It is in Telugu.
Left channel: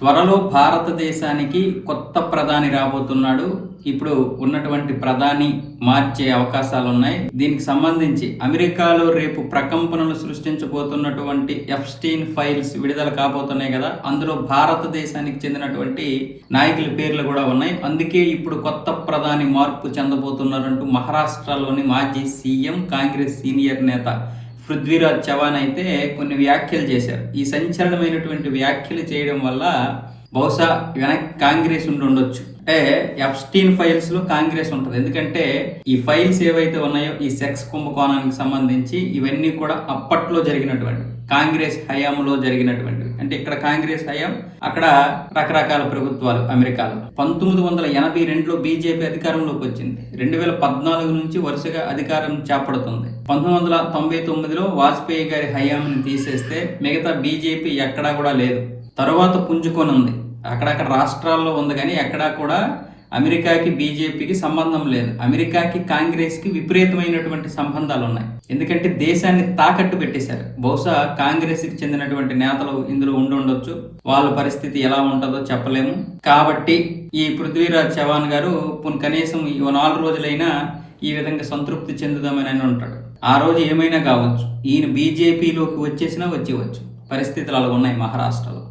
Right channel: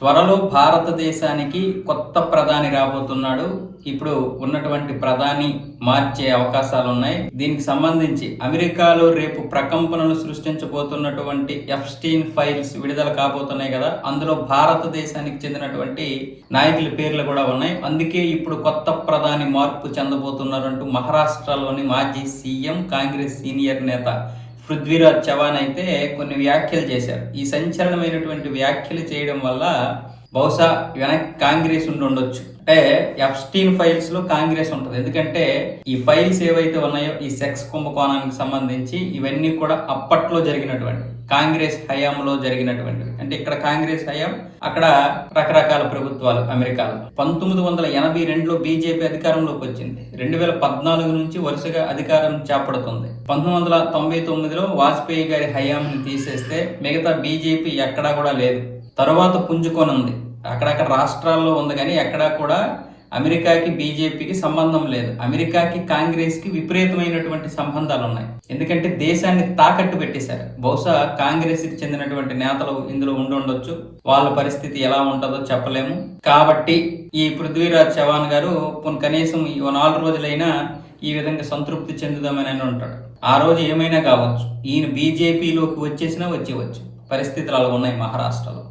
త్వరలో భారతదేశానికి కొత్త ప్రధాని రాబోతున్నాడు. ఇప్పుడు ఉన్నటువంటి ప్రధాని మార్చే అవకాశాలున్నాయి. దీనికి సంబంధించి అమెరికాలో రేపు ప్రకంపనలు సృష్టించబోతున్నటువంటి ఎఫ్స్టీన్ ఫైల్స్ విడుదల కాబోతున్నాయి కదా, అందులో భారతదేశానికి చెందినటువంటి నాయకుల పేర్లు కూడా ఉన్నాయి. అందుకే ఇప్పుడు కొత్త ప్రధాని మార్పు చెందబోతున్నారంటూ మహారాష్ట్రలోని మాజీ సీఎం, కాంగ్రెస్ సీనియర్ నేత పృథ్వీరాజ్ చవాన్ అయితే కొన్ని వ్యాఖ్యలు చేశారు. ఈ సంచలనమైనటువంటి వ్యాఖ్యలు చేయడం వల్ల బహుశా వెనక్కి కాంగ్రెస్ ఉండొచ్చు. అంటే ఎఫ్స్టీన్ ఫైల్స్ లో కాంగ్రెస్ ఉంటుంది. ఎందుకంటే ఈ ఫైల్స్ ఏవైతే ఉన్నాయో ఈ సెక్స్ కుంభకోణానికి సంబంధించి ఇవన్నీ కూడా అప్పట్లో జరిగినటువంటి కాంగ్రెస్ హయాంలో జరిగినటువంటివి. అంటే ఇక్కడ కాంగ్రెస్ హయాం, అక్కడ రకరకాల ప్రభుత్వాలు అమెరికాలో. 1982లో బీజేపీ అధికారంలోకి వచ్చింది. 2014 నుంచి వరుసగా అధికారం చేపడుతుంది. 1999లో వాజ్పేయి గారి హయాంని తీసేస్తే మిగతా బీజేపీ ఎక్కడా కూడా లేదు. తర్వాత పుంజుకొని ఉంది, అక్కడక్కడ రాష్ట్రాల్లో ఉంది, కానీ ఎక్కడా కూడా అమెరికాకి బీజేపీకి సంబంధం లేదు. అమెరికాకి కాంగ్రెస్కి విపరీతమైనటువంటి సంబంధాలు ఉన్నాయి. ఎందుకంటే దేశాన్ని తాకట్టు పెట్టేశారు. బహుశా కాంగ్రెస్కి చెందినటువంటి నేతలు ఇందులో ఉండొచ్చు. వాళ్ళ పరిస్థితి ఎలా ఉంటుందో చెప్పలేము. కాబట్టి ఈ పృథ్వీరాజ్ చవాన్ గారు కనీసం ఈ 4 రోజులైనా ఈ విధంగా సంతృప్తి చెందుదామని ఉంటాడు. ఆ రోజు ఏమైనా కావచ్చు. ఈయన బీజేపీలోకి వచ్చేసినా వచ్చేవచ్చు. పరిస్థితులు అలా ఉన్నాయి మహారాష్ట్రలో.